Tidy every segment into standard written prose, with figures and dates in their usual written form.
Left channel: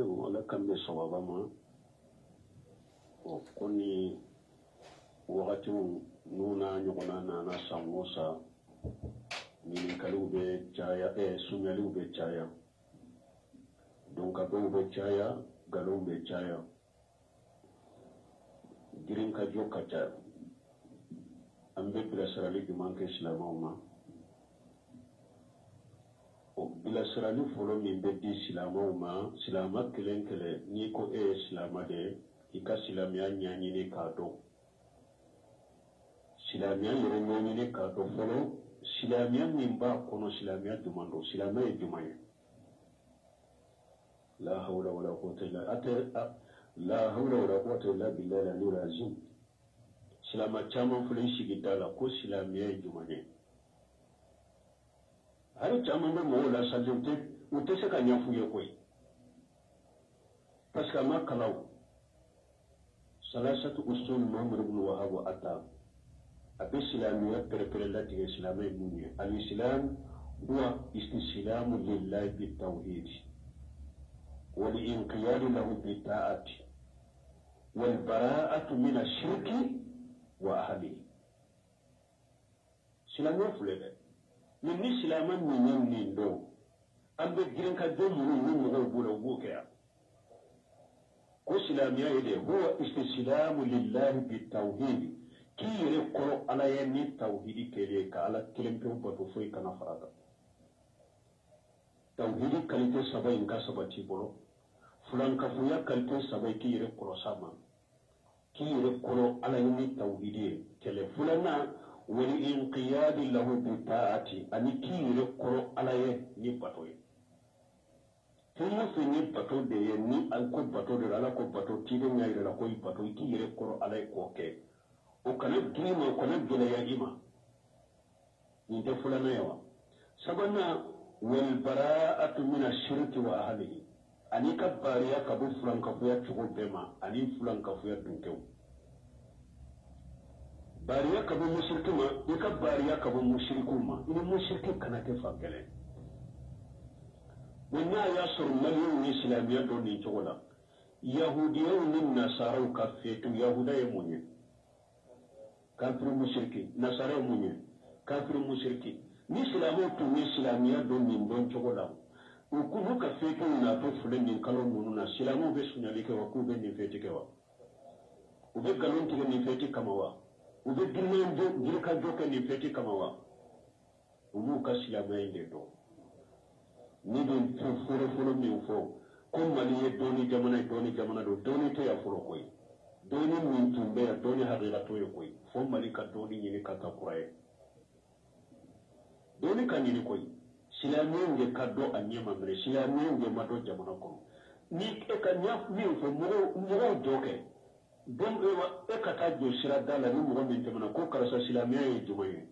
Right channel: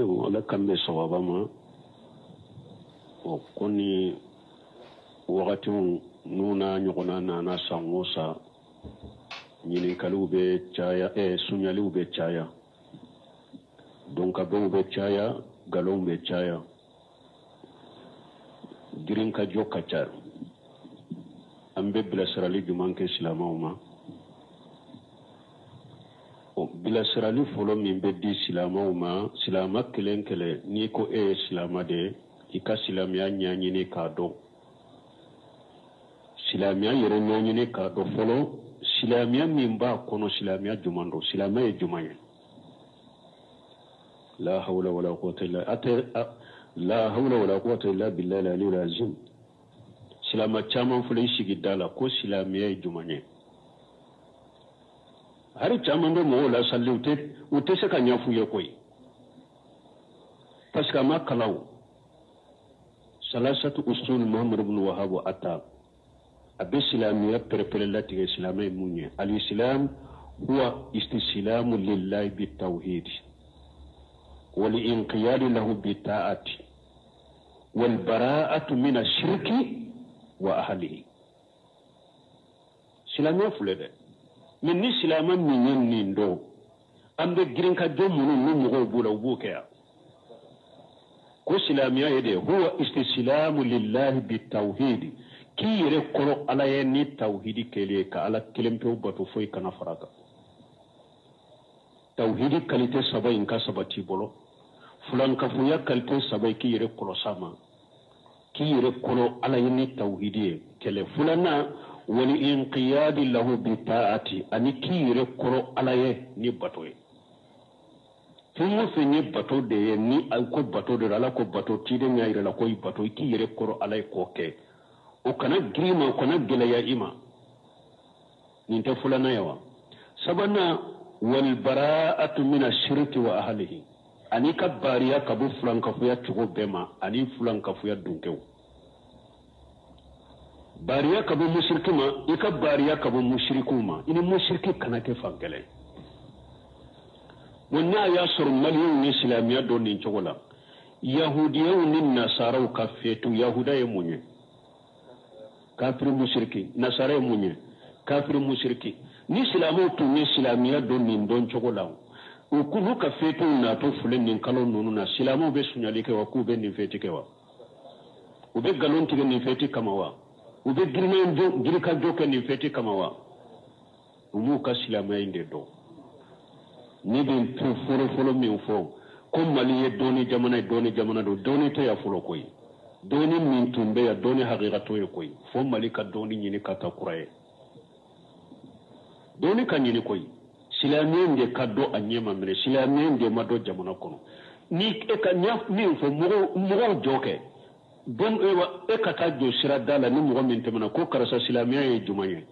wala kambe sawabama o koni wakati nuna ɲɔgɔnna nana san o san ɲininkaliw bɛ caya suɲaliw bɛ caya donkabɛnw bɛ caya galonw bɛ caya girinkajɔ ka ca an bɛ bilasirali juman kɛ silamɛw ma bilasirali fɔlɔ min bɛ di silamɛw ma silama kelen kelen n'i ko e ye silama de ye i ka silamɛya ɲɛɲini k'a dɔn silamɛya yɛrɛ ɲɛɲini k'a dɔn fɔlɔ silamɛya min b'a kɔnɔ silamɛya juman don silamɛya ye juman ye la hawla wala quwwata illa billahi al-aliyyil azim silama caman filɛ i sigi da la ko silamɛya ye juman ye hari caman bɛ mɔgɔw la salli u tɛ se ka ɲɛf'u ye koyi parce que a ma kalan salasatu usul Muhammad ibn Wahhab ata a bɛ silamɛya pɛrɛpɛrɛ latigɛ silamɛ ye mun ye al-islam huwa istislamu lillahi bitawhid wal inqiyad lahu bita'ati wal bara'atu min ash-shirki wa ahlihi silamɛya filɛ dɛ min ni silamɛ min ye nin dɔn an bɛ girin ka jɔ minnu ni mɔgɔw b'o la u b'o kɛ yan ko silamɛya ye de huwa istislamu lillahi bitawhid k'i yɛrɛ kɔrɔ ala ye ni tawhidi kɛlen ka ala kelen pewu bato foyi kana fara kan tawhidi kalite saba in ka sabati bolo fulankafoya kalite saba k'i yɛrɛ kɔlɔs'a ma k'i yɛrɛ kɔrɔ ala ye ni tawhidi ye kɛlɛ filanan wali inqiyadi lahu bita'ati ani k'i yɛrɛ kɔrɔ ala ye ni bato ye fɛn o fɛn ye bato de ye ni ko bato de ala ko bato tiden y'a yɛrɛ la ko i bato i k'i yɛrɛ kɔrɔ ala ye k'o kɛ o kana girin ma o kana gɛlɛya i ma nin tɛ filanan ye wa sabanan wal bara'atu min ash-shirki wa ahlihi ani ka bariya ka bɔ fulankafoya cogo bɛɛ ma ani fulankafoya dunkew bariya ka bɔ mushriki ma i ka bariya ka bɔ mushrikiw ma i ni mushriki kana kɛ fan kelen wa n'a y'a sɔrɔ maliyɛnw ni silamɛya dɔn nin cogo la yahudiyaw ni nasaraw ka feetu yahuda ye mun ye kafiri mushriki nasara ye mun ye kafiri mushriki ni silamɛw tun ye silamɛya dɔn nin dɔn cogo la u k'u ka feetu natɔ filɛ nin kalo ninnu na silamɛw bɛ suɲali kɛ wa k'u bɛ nin feeti kɛ wa u bɛ nkalon tigɛ nin feeti kama wa u bɛ girikajɔ kɛ nin feeti kama wa u m'u ka silamɛya in de dɔn ni bɛ fɔlɔ min fɔ ko mali ye dɔɔni jamana ye dɔɔni jamana don dɔɔni tɛ yan fɔlɔ koyi dɔɔni min tun bɛ yan dɔɔni hakikatɔ ye koyi fo mali ka dɔɔni ɲini ka taa kura ye dɔɔni ka ɲini koyi silamɛya in de ka dɔn a ɲɛ ma minɛ silamɛya in de ma dɔn jamana kɔnɔ ni e ka min fɔ mɔgɔw jɔ kɛ donc e ka taa jɔ sira da la ni mɔgɔ min tɛmɛna ko karisa silamɛya ye juman ye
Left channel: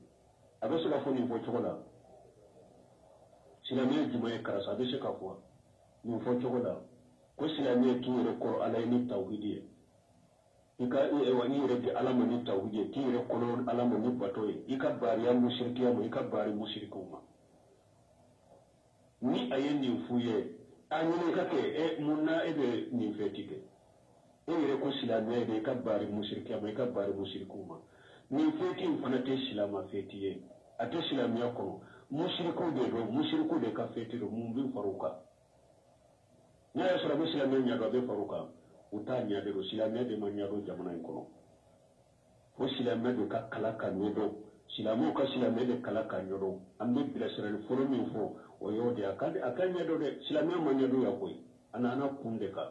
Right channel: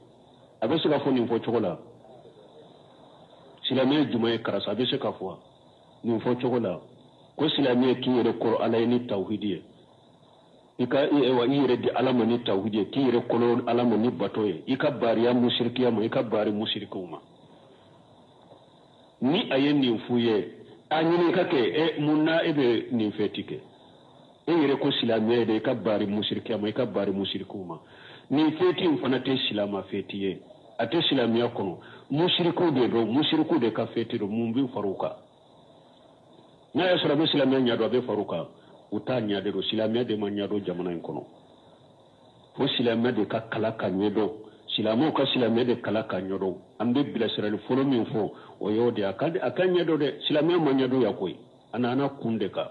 a bɛ se ka fɔ nin fɔ cogo la silamɛya ye juman ye karisa a bɛ se ka fɔ nin fɔ cogo la ko silamɛya k'i yɛrɛ kɔrɔ ala ye ni tawhidi ye i yɛrɛ di ala ma ni tawhidi ye k'i yɛrɛ kɔrɔ ala ma ni bato ye i ka bariya mushrikiya ma i ka bari mushrikiw ma ni a ye nin f'u ye a ɲini ka kɛ mun na e bɛ nin fɛti kɛ e yɛrɛ ko silamɛya de i ka bari mushrikiya ma i ka bari mushrikiw ma nin fɛti in fana tɛ silama fɛti ye a tɛ silamɛya kɔnɔ mushrikiw de don mushrikiw de ka fɛti don mun bɛ far'u kan n'a y'a sɔrɔ a bɛ silamɛya ɲɛdɔn a bɛ far'u kan u t'a ɲɛdɔn don silamɛya de ma ɲɛdɔn jamana in kɔnɔ fo silamɛya de ka kala ka ɲɛdɔn silamɛw ka silamɛya de kala ka ɲɛdɔn an bɛ bilasirali fɔlɔ min fɔ o y'o de a ka ɲɛdɔn dɛ silamɛya ma ɲɛdɔn yan koyi a nana kun de kan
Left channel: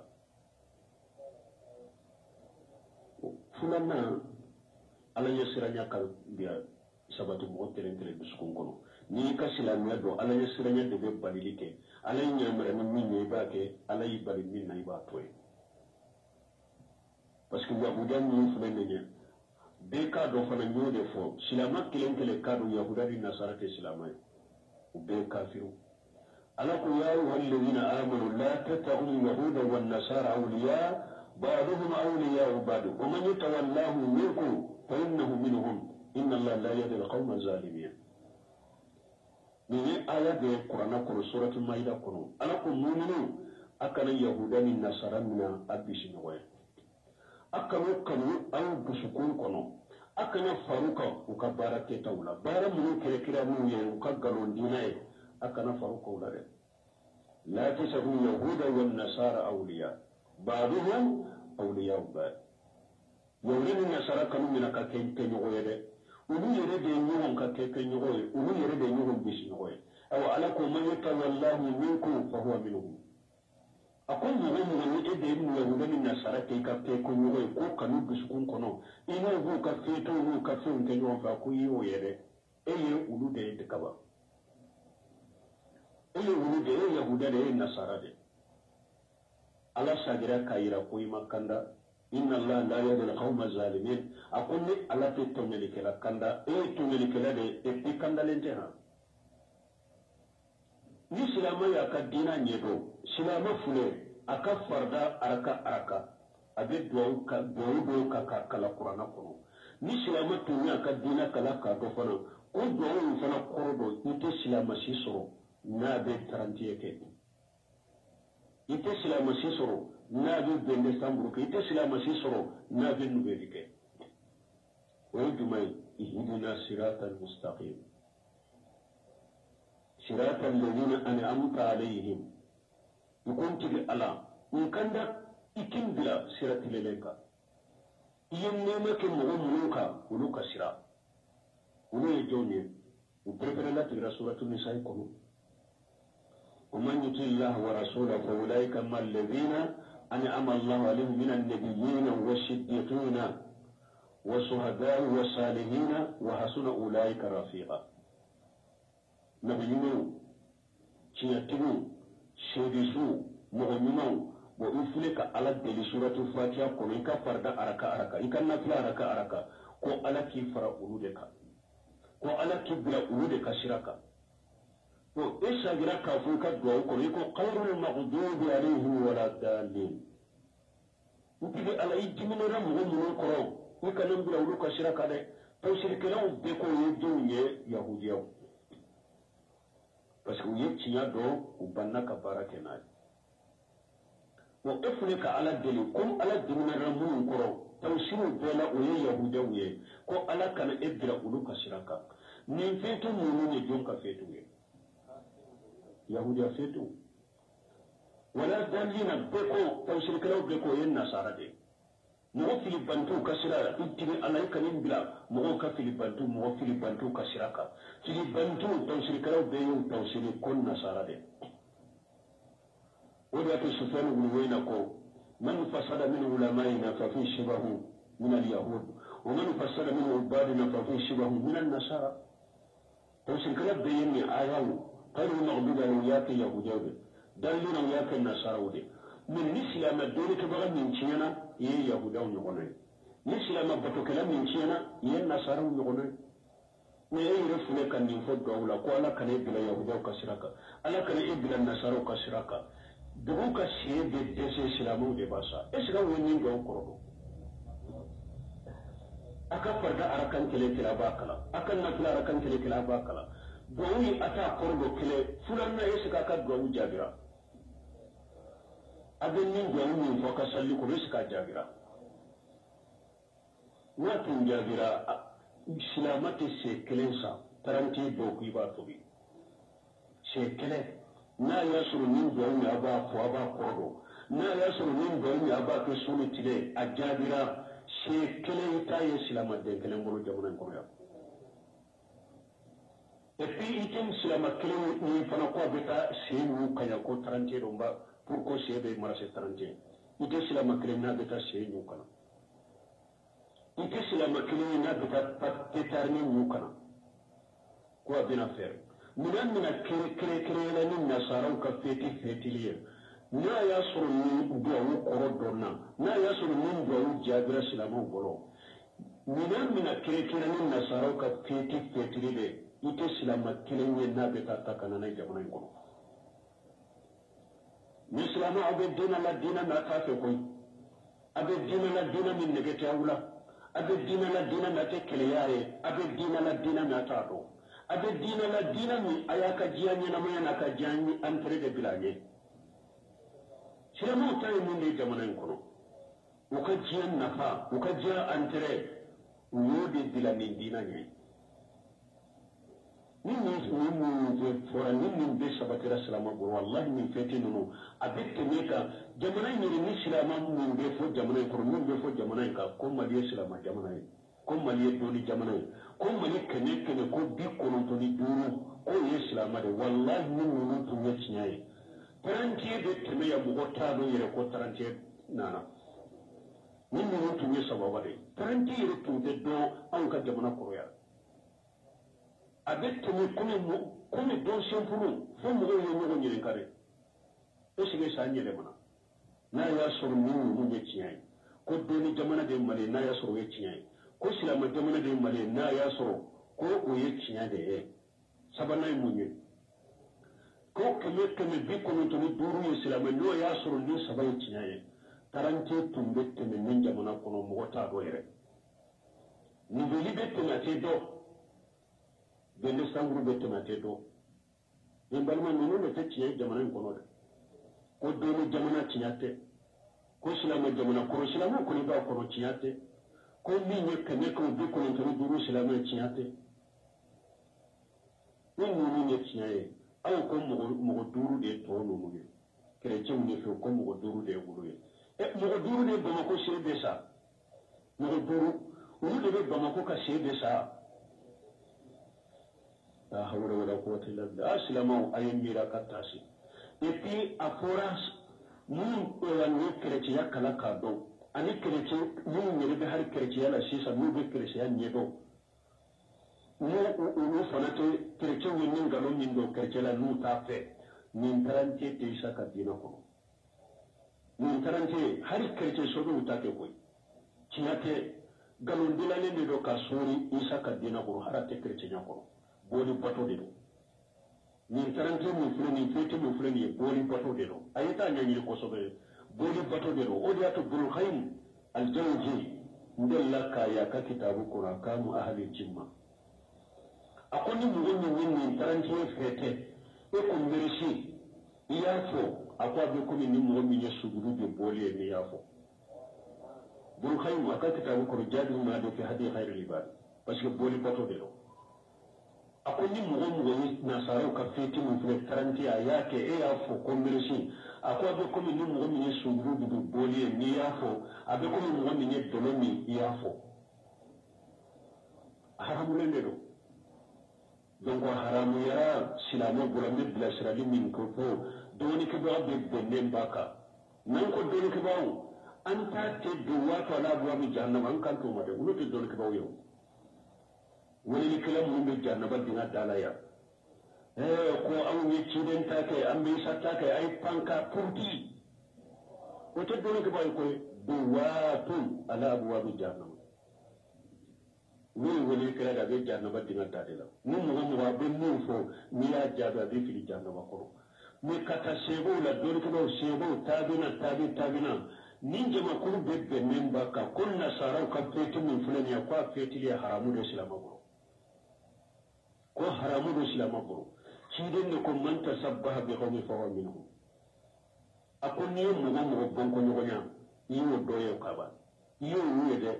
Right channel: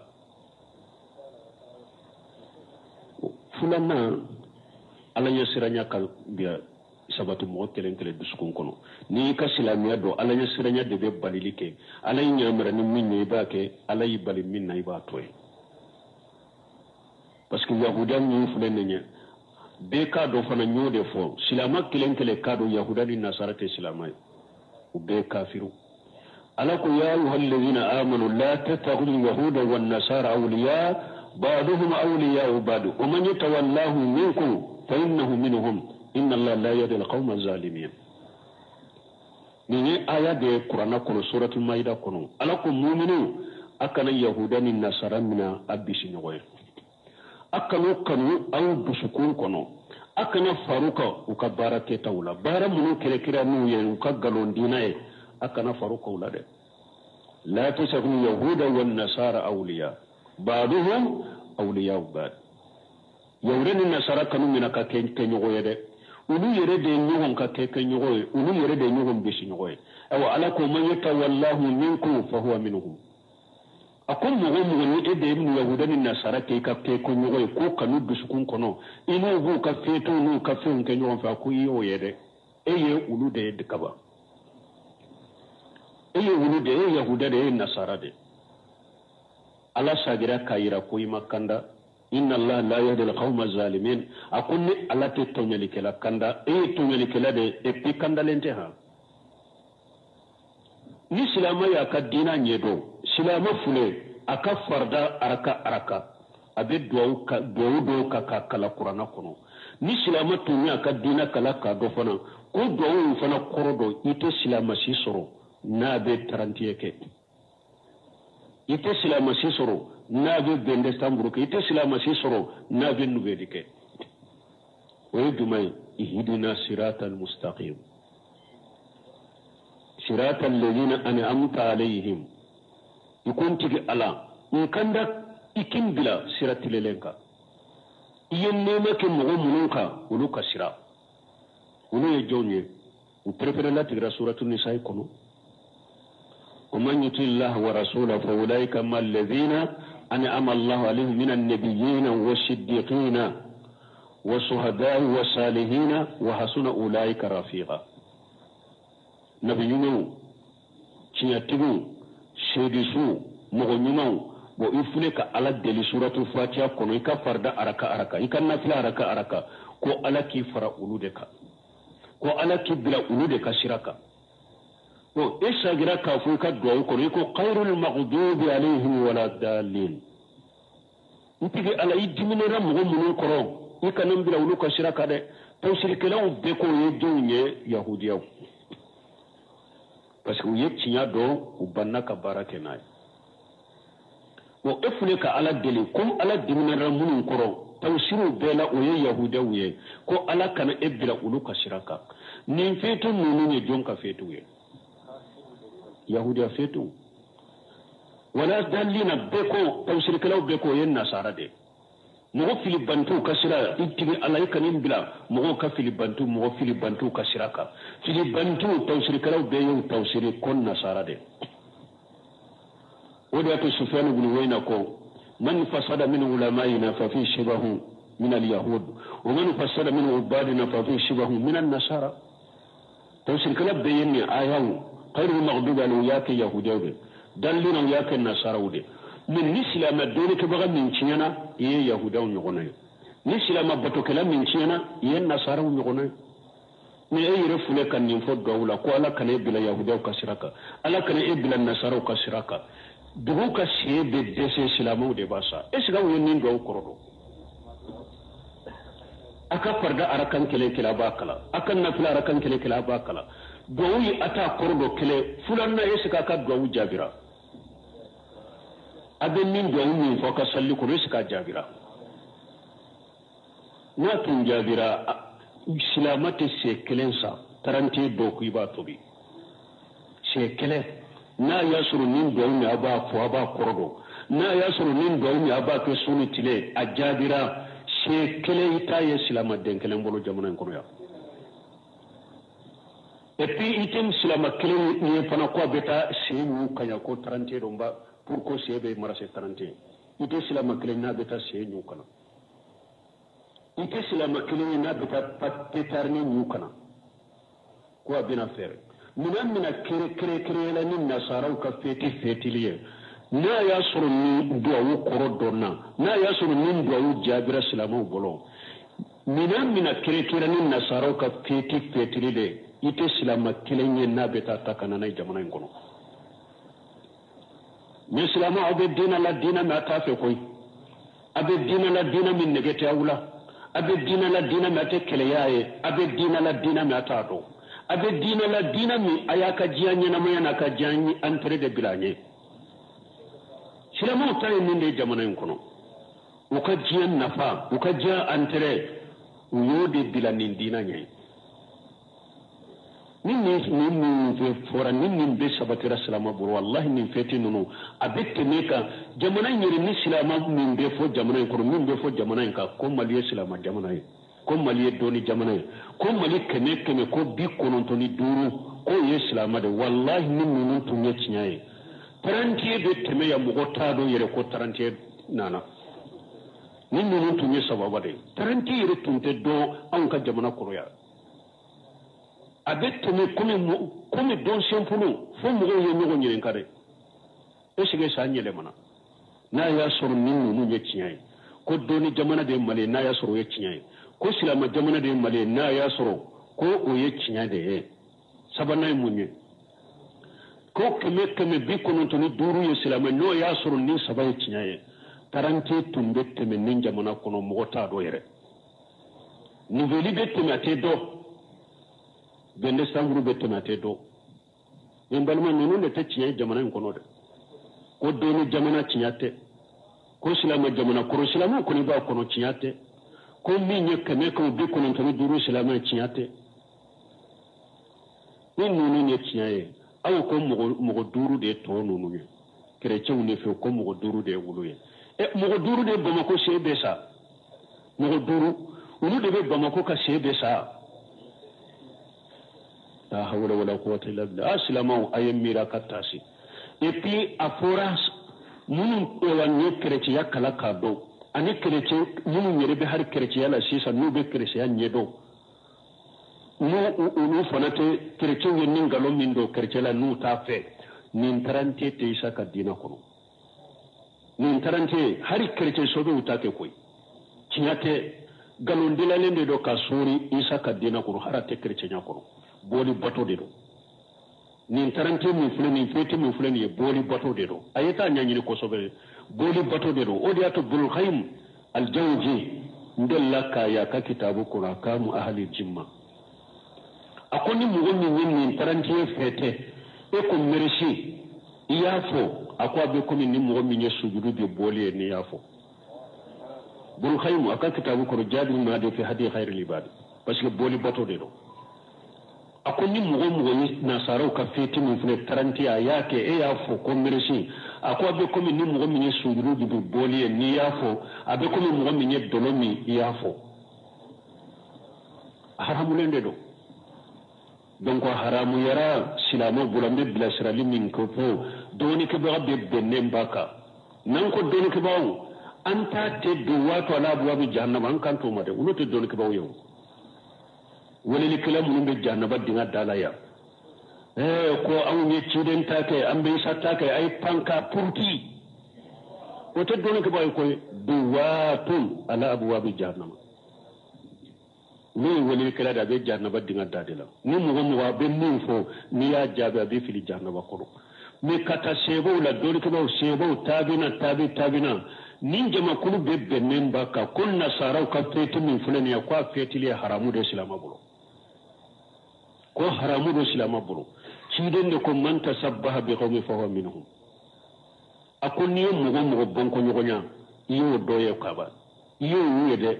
filanan ala ɲɛ siranya ka biya sabati mɔgɔ kelen kelen dusukun kɔnɔ n'i y'i ka silamɛya dɔn ala ɲɛ siranya de bɛ balili kɛ ala y'i ɲamara ni min ye i b'a kɛ ala y'i bali min na i b'a to ye parce que yahuda min filɛ nin ye bɛɛ k'a dɔn fana n y'o de fɔ silama kelen kelen k'a dɔn yahuda ni nasara tɛ silama ye u bɛɛ kafiru ala ko ya ayyuhal ladhina amanu la tattakhidhu yahuda wan nasara awliya ba'duhum awliya'u ba'd wa man yatawallahu minkum fa innahu minhum inna allaha la yahdi al-qawma adh-dhalimin ni aya de Qur'ana kono suratul maida kono ala ko mu'minu akana yahuda ni nasara mina abisi nyogoye akano kanu ayu busukun kono akana faruka uka baraketa wala bara munu kire nu ye uka galondina ye akana faruka wala de la tasakunu yahuda wan nasara awliya ba'dhum awliya ba'd yawreni nasara kanu mina ka ke nyogoye de ulu yere de nyogon ka ke nyogoye ulu yere de nyogon bisi nyogoye aw ala ko man yatawallahu minkum fa huwa minhum akon mogo ni ede ibn yahuda ni nasara ke ka ke ko nyogoye ko kanu dusukun kono ino hu ka feto no ka fe nke nyogon fa ko yo yede eye ulu de kaba eye ulu de yahuda de nasara de ala sagira kayira ko imakanda inna allah la yahdi al-qawma zalimin akon ni ala te tonyali kala kanda tonyali kala de e pi kanda lente ha ni silama ya ka dina nyedo silama fule aka farda araka abe do ka kala qur'ana kono ni silama tunya ka dina kala ka do fana ko do fana korodo ite silama si soro na be 30 ke ite silama si soro na be bende stamburu ke ite silama si soro na be nubedi ke wa yudumai ihdina siratal mustaqim صراط الذين أنعمت عليهم يكون تجي على إن كان ده إكين بلا صراط للنكا ينما كمغو منوكا ولوكا صراط ولو يجوني وبرفر لا تقرأ سورة النساء كنو ومن يطع الله ورسوله فأولئك ما الذين أنعم الله عليهم من النبيين والصديقين والشهداء والصالحين وحسن أولئك رفيقا nabi nyumaw ciyatigu shedisu mogo nyumaw bo ifule ka ala deli suratul fatiha kono ika farda araka ika nafila araka ko ala ki fara ulude ka ko ala ki bila ulude ka shiraka ko isa gira ka fu ka do ko ko khairul maghdubi alaihim wala dalin ntigi ala idimina mogo munun koro ika nan bila ulu ka shiraka de to shirkelaw be ko yedunye yahudiyaw parce que uye tinya do ubanna ka barake nay wo efule ka ala deli comme ala dimina ramun koro tawsiru bela uye yahuda uye ko ala kana ebira ulu ka shiraka nin fetu nunu ne jonka fetu ye yahuda fetu wala dalina beko tawsir kala beko yen nasara de mo filibantu kasira itigi ala kanin bila mo ka filibantu mo filibantu kasiraka filibantu tawsir kala be yo tawsir kon nasara de wada to sufyan ibn wayna ko man fasada min ulamaina fa fi shibahu min al-yahud wa man fasada min ubadina fa fi shibahu min an-nasara tawsir kala be yen ayawu khairu maghdubi alayhi yahudawi dallina yake nasara wude min nislama dole ke baga min ciyana ye yahudaw nyogona nislama bato kala min ciyana ye nasara nyogona ne ay refule kan ni fo dawla ko ala kan bila yahudaw kasiraka ala kan bila nasara kasiraka dugu ka sebe dese islamu de basa esiga woni do korodo aka farda arakan kele kila bakala akan na fila arakan kele kila bakala dowi ata korodo kele fulanna esiga ka do jabira abin min da wuni fa ka salli ko riska jabira na tun jabira islamate se kelensa tarante do ku ba tobi se kelen na yasuru min da wuni aba fo aba kordo na yasuru min da wuni aba ke suni tile a jabira se kelen ita ye islamate den kelen bolo jamana ko ya et puis item islamate kelen ni fana ko beta se mu kanya ko tarante do ba pour que sebe marase 31 ite sila makile na beta se nyukana ite sila makile na beta petarni nyukana ko abina fer mina kere la ni nasara ka fetiliye na ya suru ni duwa koro donna na ya suru ni duwa jabira islamu bolo mina kere ni nasara ka fetiliye ite sila makile na beta takana na jamana ngono mislama abe dina la dina ma ta fe koy abe dina la dina min negete awla abe dina la dina ma te kele yaye abe dina la dina ma ta do abe dina la dina mi ayaka jianya na mayana ka janyi antre de bilanye silama ta yin ne jamana yin kono o ka jiya nafa o ka jiya antere o yo de bilanin dina nyai nin fe fora nin be sabatira silama buru wallahi nin feti nunu abette ne ka jamana nyiri ni silama min be fo jamana ko min be fo jamana ka ko maliye silama jamana ko maliye doni jamana ko mali keme ko bi konontoni duru ko ye silama de wallahi nin nunu tunye tinyaye tarantiye be teme ya mugo tado yere ko tarantiye nana nin nunu tunye sababa de tarantiye yere tunte do an ka jamana koroya abette me comme don sempuno fo mugo ye nyugo nyiren kare esige sa nyele mana na ya soro nin nunu ye tinyaye ko doni jamana de mali na ya soro ye tinyaye ko silama jamana de mali na ya soro ko o ye tinyaye de sabana munye ko keme bi konontoni duru ye silama no ya soro ni saba ye tinyaye tarante tumbe teme nin jamana kono mugo ta do yere niveli be teme ate do bende sanguru be teme ate do en balma nonu ne te tinyaye jamana kono de ko doni jamana tinyate ko silama jamana koro silama ko ni ba kono tinyate ko minye keme ko bi konontoni duru silama tinyate ni nonu ne tinyaye aw ko mogo duru de to nonu ye chrétien ne fe ko mogo duru de wulu ye mogo duru de Bamako sebe sa mogo duru wulu de be Bamako ka sebe sa la hawla wala quwwata illa billah aslama ayem mira katasi et puis afora mun wanne chrétien yakala ka do ani chrétien mun nyere be har chrétien la sisa no be chrétien nyedo no fanate chrétien yen ngalo min do chrétien la nu ta fe nin tarante te isa ka dina ko nin tarante hari chrétien sobe utake koy tinyate galon dilalende do ka suri isa ka dina ko harate chrétien ko boli bato de do nin tarante min fulani fete min fulani boli bato de do ayeta nyanyini ko sobe boli bato de do odiato bul khaym al jawji ndella ka ya ka kitabu qura kamu ahli jimma akoni mugonni nin tarante fete e ko merci iyafo akwa be ko min mugo min sujudu be boli ni yafo bul khaym aka kitabu qura jadi ma de fi hadi khairul ibad parce que boli bato de do akoni mugo ni nasaro ka fete min fune tarante ayake e yafo ko merci akwa be ko min mugo min sujudu be boli ni yafo abe ko min mugo min dolomi yafo haramulende do donc haramu yara silamo bulambe bila sirali min ko po doni ke ba be bennen baka nan ko doni ke bawo anta te do wato ala buwa bi jahannama an kan to made uno te doni ke bawo yo wala li kala mun be jahannama dinga dalaya ko an ne ciden ta kai an be satta kai ai panka purti o te doni ke bawo ko do wato ala buwa bi jahannama ni wali kala da be jahannama dinga dadela ni mugo be mun fo ni ya jabe be fili jahannama ko me kata sebo la doni ko sebo tabina nin jama kulu be bennen baka kunna sarau ka feti min fulani ya kwa feti le haramu de islam buru ko haramu de islam buru ciden de ko man tasabbaha bi qawmi fa huwa minhum akonni mugo bonko nyogonya iyo doye kaba iyo yede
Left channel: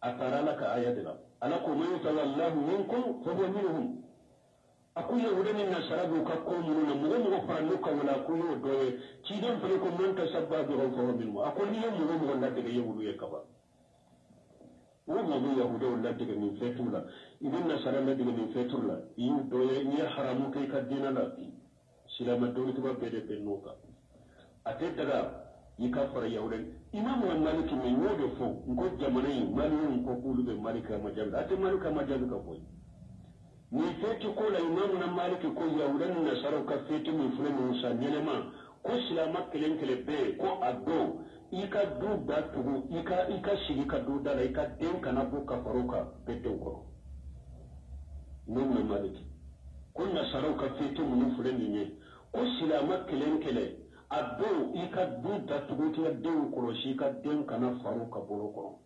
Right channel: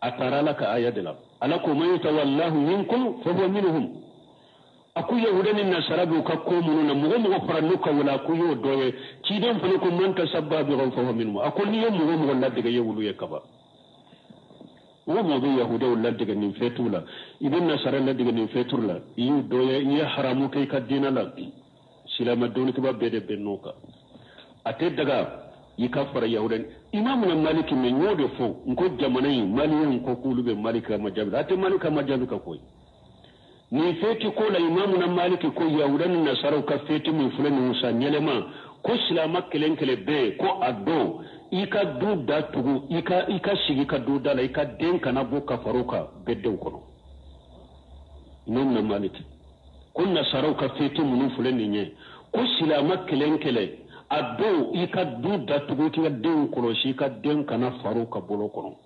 atara laka ayadila alako man yatawallahu minkum fa huwa minhum akuya wudani nasarabu ka ko mununa mugo faranuka wala kuyo doye ciden fele ko man tasabba bi ghawfa wa minhum akonni yo mugo ladde yewulu yakaba wo mo be yahude ladde nin fetula ibn nasara ladde nin fetula yu doye ya haramu kay ka dinala silama doni ko babbe de bennoka ate daga yika fara yahudan imamu na maliki me nyode fo nko jamana yi maliyin ko kulube malika majabi ate malika majabi ka koy ni feti ko la imamu na maliki ko yahudan na sarau ka feti min fulani musa nyelema ko silama kelenkele be ko addo ika du da tugu ika sigi ka du da la ika den kana bo ka faruka bedde ko non na maliki ko na sarau ka feti min fulani nye ko silama kelenkele addo ika du da tugu ki den ko shi ka den kana faruka bolo ko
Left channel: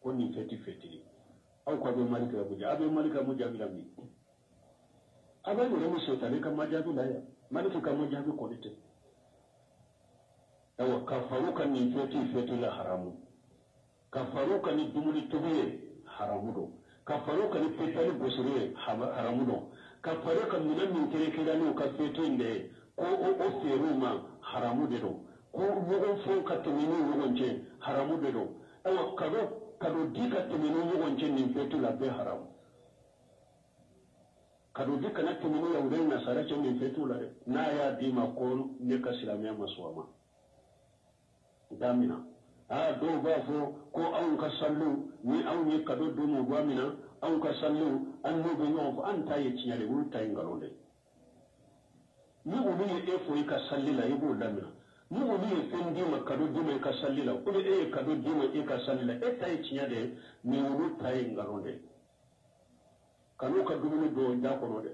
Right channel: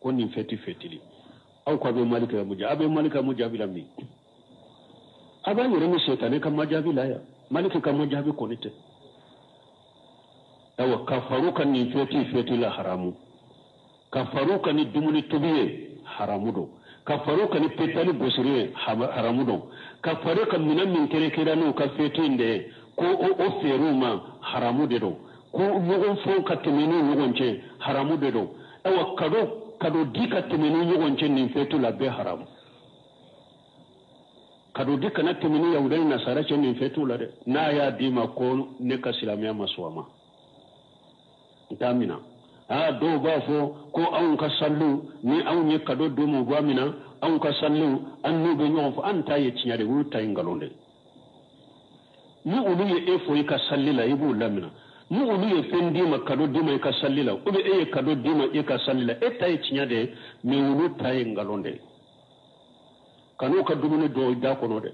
ko ni feti fetili aw ko be malika mujabi la mi aba yore mi setane kam majabi la ya malika kam majabi ko nite awa kafaru kan ni feti la haramu kafaru kan ni dumuni tobiye haramu do kafaru kan ni petali gosire haramu do kafaru kan minan min kere no ka feti inde ko o feruma haramu de do ko yogon fo ka temeni yogon ce haramu de do awa kado dika temeni yogon ce ni fetu la be haramu kado dika na temeni yaudai nasara ce ni fetu la de na ya dima ko ne ka silamiya maswama damina do ba fo ko an ka sallu ni an yi kado do mu gwamina an ka sallu an no be nyon fo an ta ye tinyare wu ta ingalonde ni ulu ye efo yi ka sallila ibu lamina ni ulu ye fendi ma kado dima ka sallila ube e kado dima e ka sallila e ta ye tinyade mi ulu ta ingalonde kanu ka dumune do da kono de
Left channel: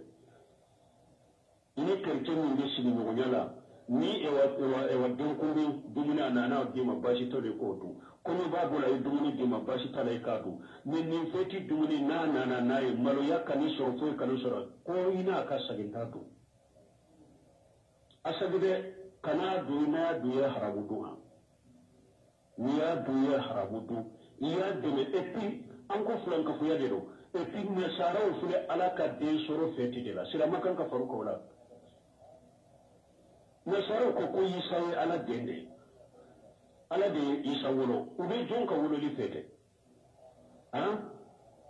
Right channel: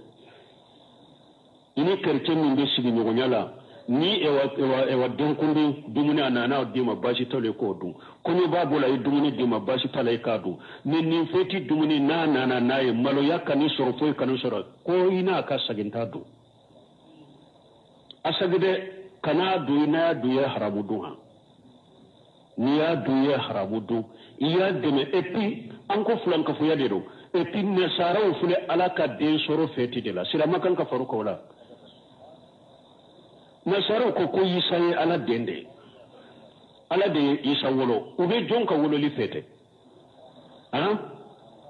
ini kerche min be sigi nyogonyala ni ewa donkundi dumuni anana dima bashi tole ko dum kono babu la dumuni dima bashi tale ka dum ni feti dumuni na ye malo yakani sorofo kanu soro ko ina ka saginta dum asagide kana du ina du ya haramu dum ha ni ya du ya haramu dum iya deme epi anko fulan ka fuya de do epi ne sara o fule alaka de soro feti de la sira makan ka faru ko la nasara ko isa ye ala dende ala de isa wolo ube jonka wolo li fete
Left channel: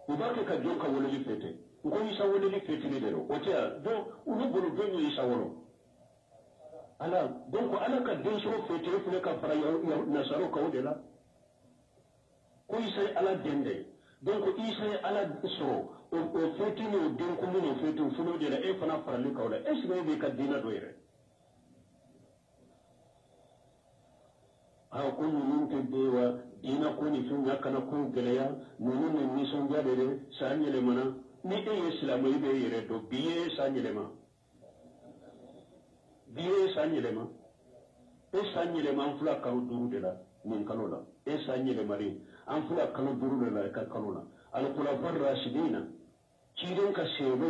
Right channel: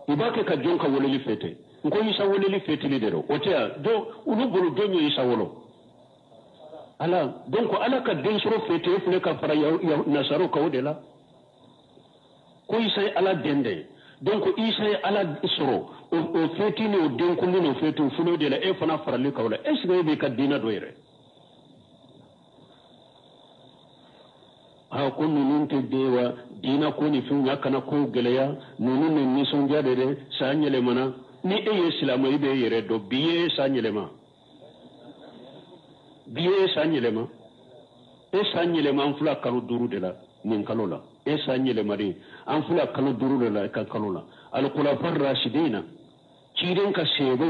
ibake ka jonka wolo li fete ko isa wolo li fete ni dero otea do unu bolo do mi isa wolo ala donc ala ka den soro fete fule ka fara ya nasara ko wodela ko isa ye ala dende donc isa ye ala soro o fete ni o den ko ni fete fule de la e fana fara li kawla est ce que be ka dina do yere ko nunun te dewa dina ko ni fin yakana ko geleya nunun ne ni son jade de sanyele mana ni e islamu ibe yere do biye sanyele ma an fula kanu duru de la nin kalola e sanyele mari an fula kanu duru de la ka kalola al khulafa rashidina ciren ka sebe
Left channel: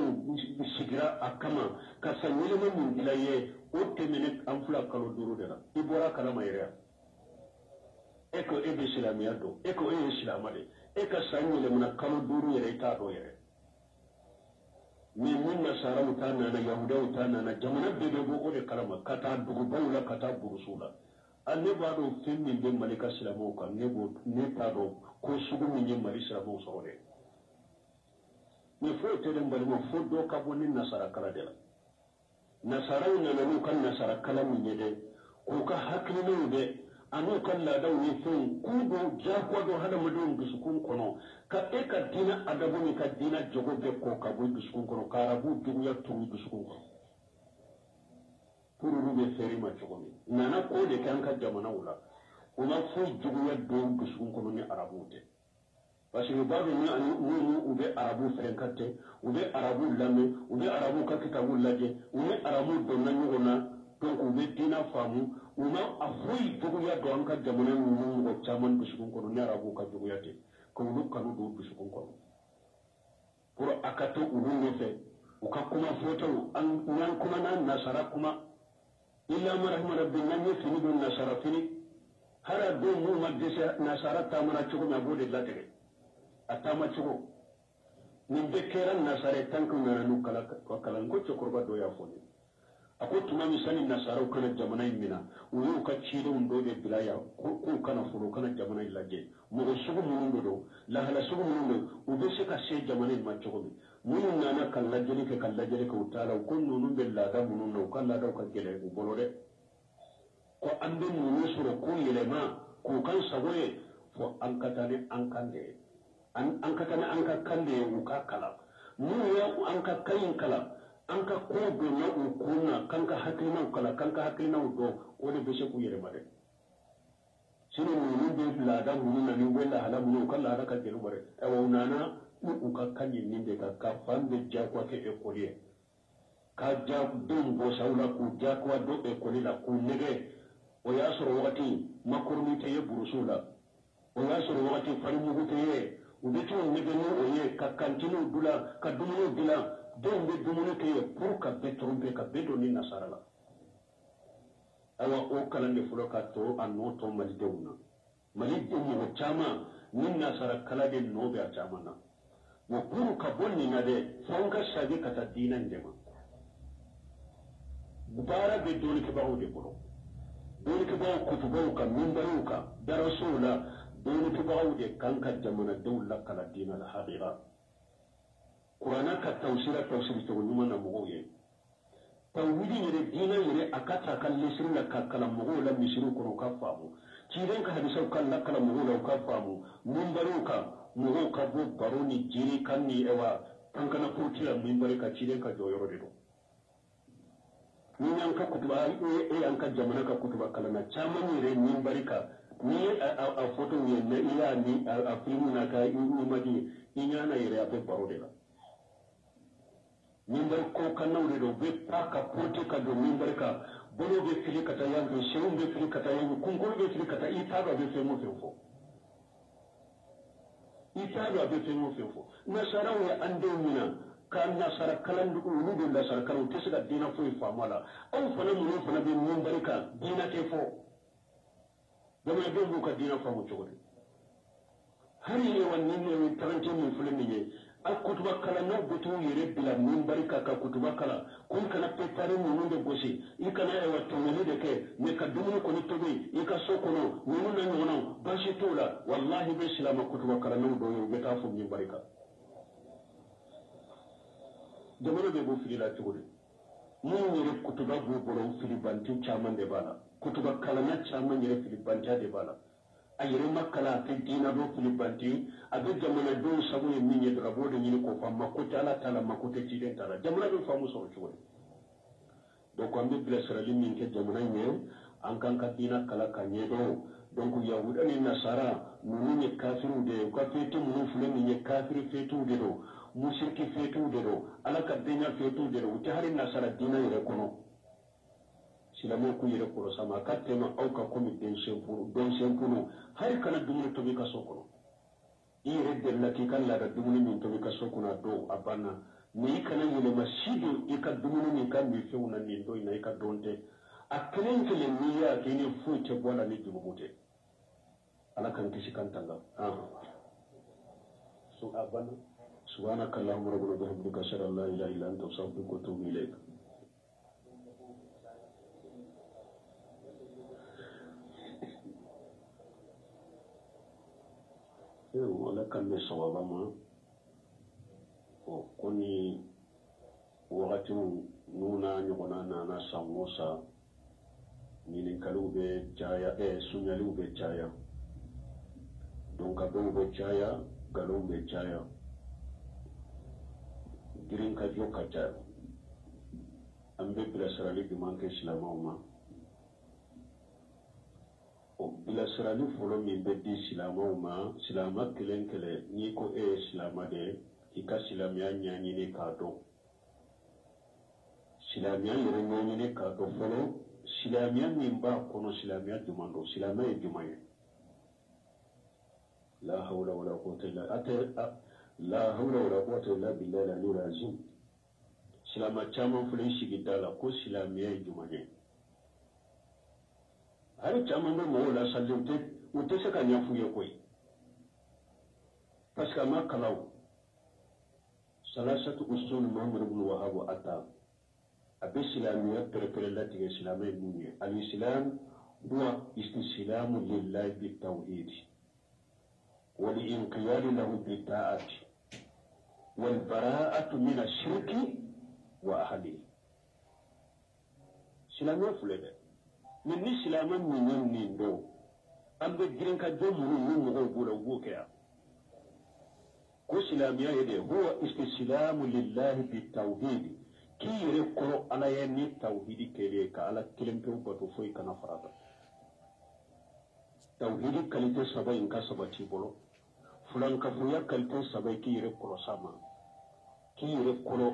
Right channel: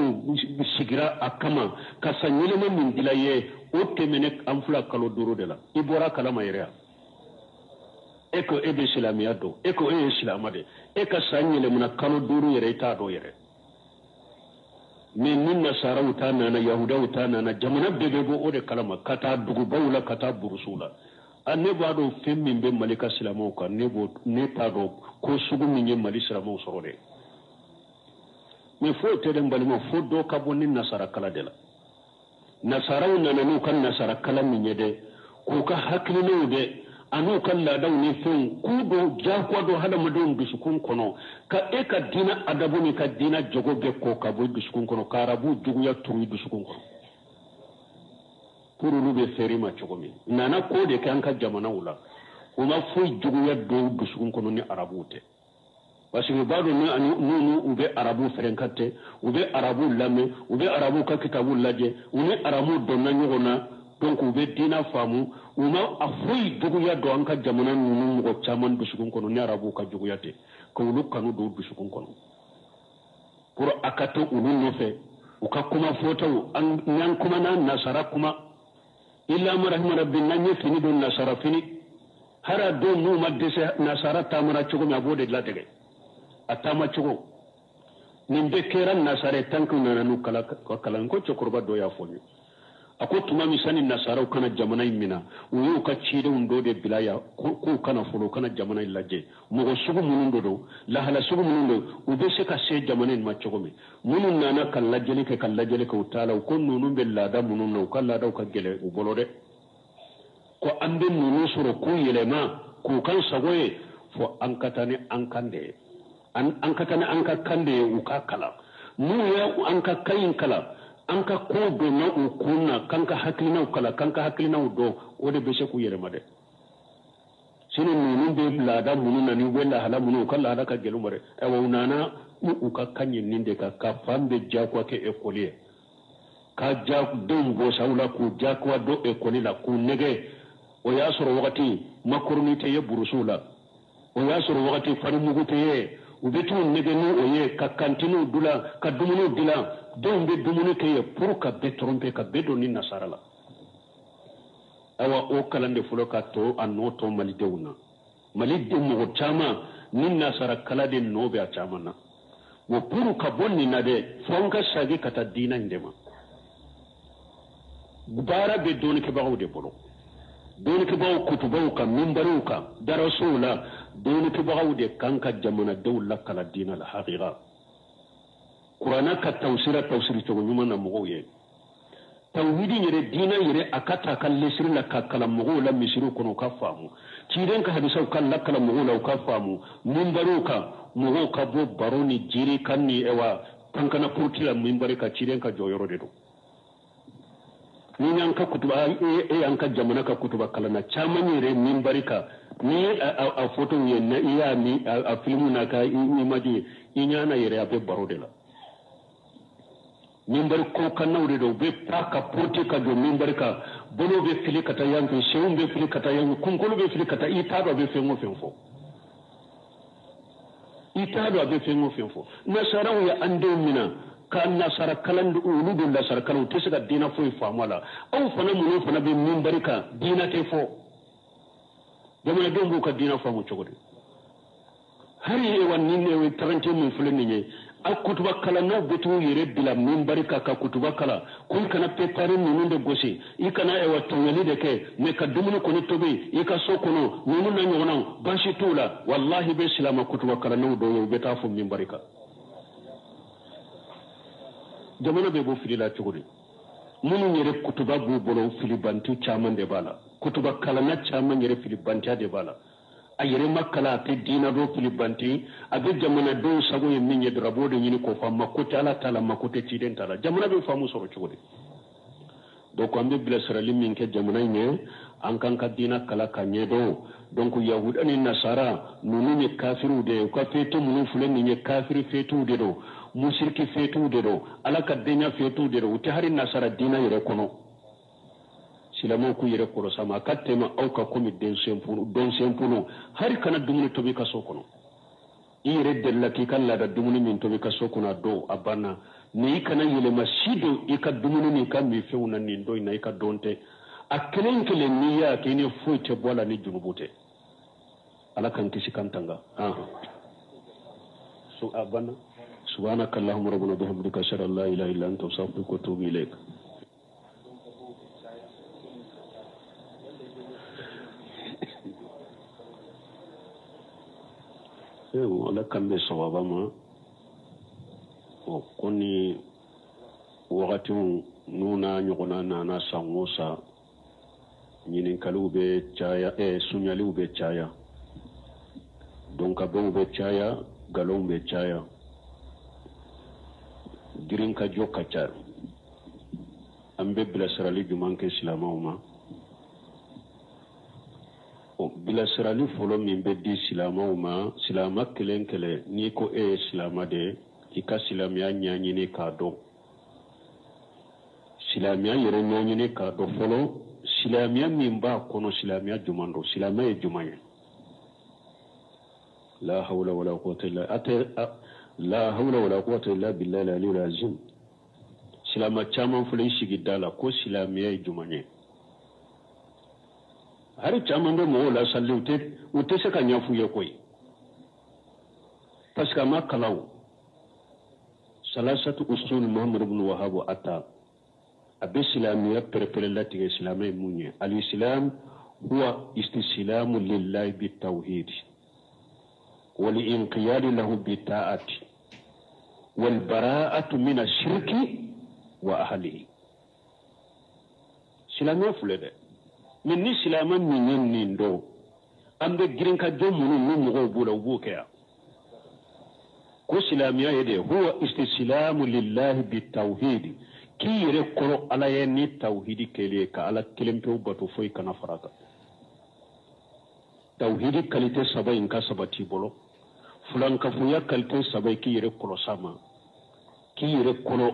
sigira akama ka sanyele ma min dilaye o temene an fula kanu duru de la ibora kalama yere eko ebe islamiya do eko islamade eka sanyele muna kanu duru yere ita do yere min nasara utana na yahuda utana na jamana bebe bo ode kalama kata dugu bawla kata burusula anne bado femmi be malika islamo ka ne ta do ko sugu min ye mali islamo sorode me fo tede mbalimo fo do ka bonni nasara kala de la nasara unana nu kan nasara kala min yede ko ka haklino de anu kan ladaw ni fen kudo jakwa do hada madon dusukun kono ka e ka dina adabu ni ka dina jogo be ko ka bo dusukun kono karabu jugu ya turu dusukun kono puru lu be feri ma chogomi nana ko de kan ka jamana wula uma fu jugu ya do dusukun kono ni arabu te parce que bado ni anu ube arabu ferenkate ube arabu lame ube arabu ka kitabu laje ube arabu donna nyogona donc ube dina famu uma afoy duguya do anka jamana nunu go chaman dusukun kono ni arabu ka juguyate ko lu kanu do dusukun kono pour akato ulu nefe uka kuma foto an nyan kuma na nasara kuma illa marahima rabbi nanye fini do nasara fini hara do mu madese nasara tamara chugo mi abode latege atama chugo nimbe keran nasare tanku nanu kala ko chokorba do ya fonyo ako tuma misani nasara kana jamana imina uyu ka chide undo de bilaya ko kana folo kana jamana ilaje mugo sugu munundo do la hala sugu munundo ubese ka se jamana ma chogomi munun nana kallajeli ka utala ko nunu be lada mununno kala da ka gele ubolode ko ande nunu suro ko yelema ko kan sagoye fo an katane an kande an katane an ka kande ukakala mu ya an ka kayin kala anka ko do na ukuna kanka haklina ukala kanka haklina do ode be sheku yere made sino nunu be lada mununa ni wella hala munu kala hada ka gelu mare e wonana uka kanyin ninde ka fambe jakwa ke ekolier ka jak dum bo sawla ku jakwa do ekoli la ku nege o yasoro wakati makurni te ye burusula o yasoro wakati farmugo te ye ubetu nege no oye ka kantinu dula ka dumunu dila don be dumuni ke ye pour ka be tromper ka be doni nasara la awa o kalande fulo ka to anno to malidewna malide mo chama ninna sara kala de no be a chama na wo puru ka bonni na de fonka sage kata dina indema bara be doni ke bawo de bolo doni ke bawo kutubaw ka minbaru ka darasula doni ke bawo de kanka jamana dawla kala dina al haqiqa qur'ana ka tawsir to nyuma na mo ye tawhidi yere dina yere akata kalle sirna ka kala mo la misiru kono ka famu ciiden ka hadisa kan la kala mo la ka famu minbaru ka mo ka bo baroni jiri kanni ewa kankana purtila minbari ka ciiden ka joyoro de do ni an ka kutuba an ka jamana ka kutuba kala na chamanyire minbari ka ni a photo ye na iya ni a filmu na ka image inyana yere abe barode la minbari ko kanawre do be taka porte ka do minbari ka bono be fili kata yanke shewum be fili kata yanke kunkolo be fili kata itaba be fengo fenfo itaba be fengo fenfo nasaraw ya ande mina kan nasara kalandu uludu la sar kanu tisiga dina fo famala aw fana mun fana be minbari ka dina te fo jamana dembu ka dina famu cogode hari e wan ninne we tarante mun fulani ne akutuba kala na betu yere bila minbari ka kutuba kala kun kana petare mun de gosi ikana e watto yeli de ke me ka dumunu ko ni tobi ika so kono nunu na nyona bashi tula wallahi be silama kutuba kala no do yo beta fu minbari ka jamana be bo filila cogode mun yere kutuba bu bolo filibantu chaman de bala kutuba kala na chaman yere filibanta de bala ayere makala te dina do filibanti abe jamana do sago ye minye drabo de nyini ko famma ko tala tala makote tiden tala jamana be famu so cogode donc ambe bila sarali min ke jamana nye an kan ka dina kala kanye do donc yahudani nasara nunu nye kafiru de ko fetu munu fulani nye kafiru fetu de do musirki fetu de do ala ka denya fetu de do te hari nasara dina yere kono silamo ku yere ko sama katema au ka komi den sempuno hari kana dumuni tobi ka sokono ire della ki kan la da dumuni min tobi ka sokona do abana ni kana yele masido ika dumuni ni kan mi feuna ni do ina ika donte akelen kele niya kini fuite bola ni junubute ala kan kisi kantanga so abana سبحانك اللهم ربنا وبحمدك اشهد ان لا اله الا انت استغفرك واتوب اليك wala kambe sababa ma o koni wakati nuna nyogona na sangosa nyinin kalube chaya sunyali ube chaya donc abon ube chaya galon ube chaya dirin ka jo kacar ambe bilasirali juman ke silamaw ma o bilasirali folo min be di silamaw ma silama kelen kele ni ko silama de ika silamiya ɲaɲini k'a dɔn silamiya yɛrɛ ɲaɲini k'a dɔn fɔlɔ silamiya min b'a kɔnɔ silamiya juman don silamiya ye juman ye la hawla wala quwwata illa la hawla wala quwwata illa billahi al-aliyyil azim silama caman fɔlɔ sigi da la ko silamiya ye juman ye hari caman bɛ mɔgɔw la salli u tɛ se ka ɲɛf'u ye koyi parce que a ma kalaw salasatu usul muhammad ibn wahhab ata abe silamiya perpere latige silamiya munye al-islam huwa istislamu lillahi bitawhid wal inqiyad lahu bita'ati wal bara'atu min ash-shirki wa ahlihi silamiya fulede min ni silaman min nindo ambe girinka jomunu mu mo bula bukeya ko silamiya yede huwa istislamu lillahi bitawhid ki yere koro ala ye ni tawhidi kele ka ala kelempe batu foy kana farata tawhidi kalite sabai ka sabati bolo fulan ka fuya kalite sabai ki yere koro sama ki yere koro